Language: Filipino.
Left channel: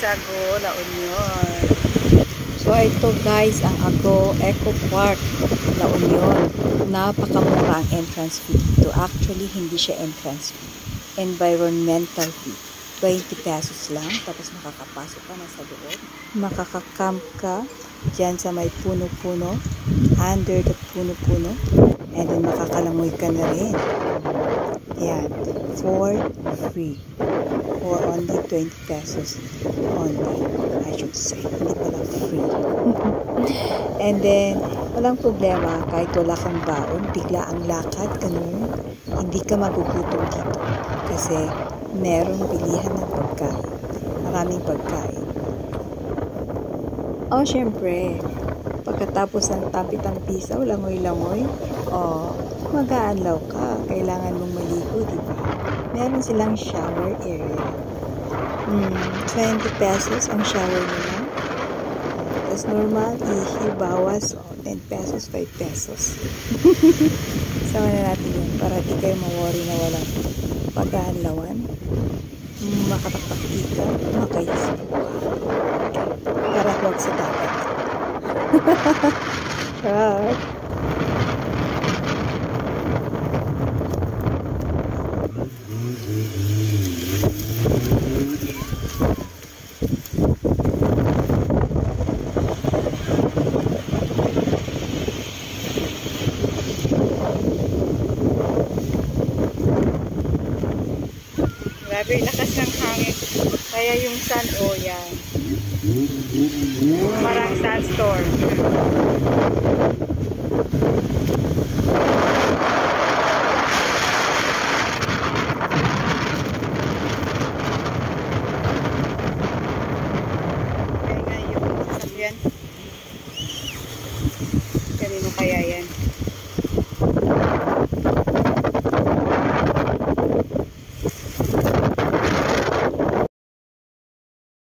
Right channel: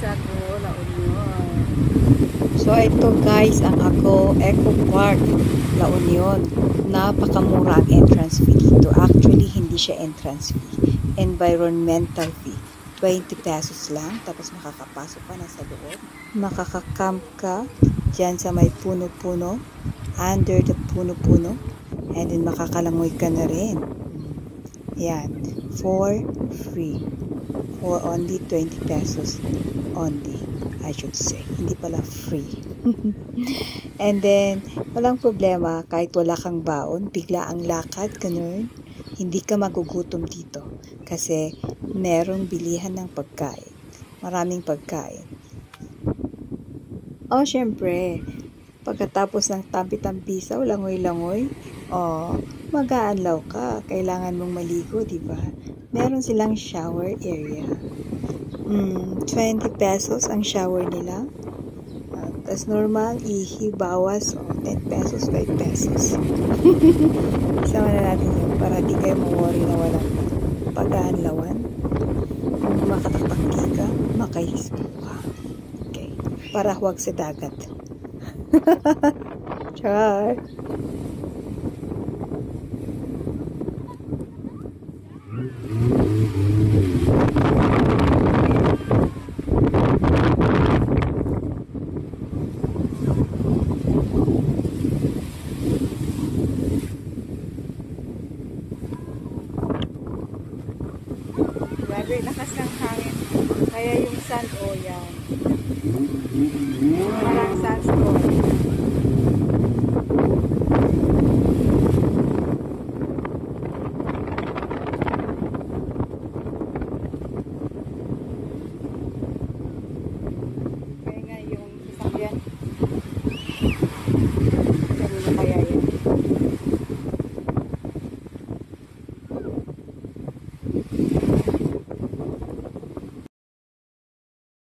sa Ago, La Union. So ito guys, ang Ago Eco Park, La Union. Napakamura ang entrance fee dito. Actually, hindi siya entrance fee. Environmental fee. 20 pesos lang. Tapos makakapasok ka na sa loob. Makaka-camp ka dyan sa may puno-puno. Under the puno-puno. And then makakalangoy ka na rin. Yan. For free. For only 20 pesos only, I should say. Hindi pala free. And then, walang problema, kahit wala kang baon, bigla ang lakad, ganun, hindi ka magugutom dito. Kasi, merong bilihan ng pagkain. Maraming pagkain. Oh, syempre, pagkatapos ng tampi-tampisaw, langoy-langoy, mag-aanlaw ka. Kailangan mong maligo, diba? Meron silang shower area. 20 pesos ang shower nila. Tapos normal, ihi, bawas, 10 pesos, 5 pesos. Sama na natin yun para di kayo ma-worry na walang pag-aanlawan. Makatakpaki ka, makayispo ka. Okay. Para huwag sa dagat. Char! Grabe, lakas ng hangin. Kaya yung sun, yan. Parang sandstorm. Kaya nga yung sasakyan.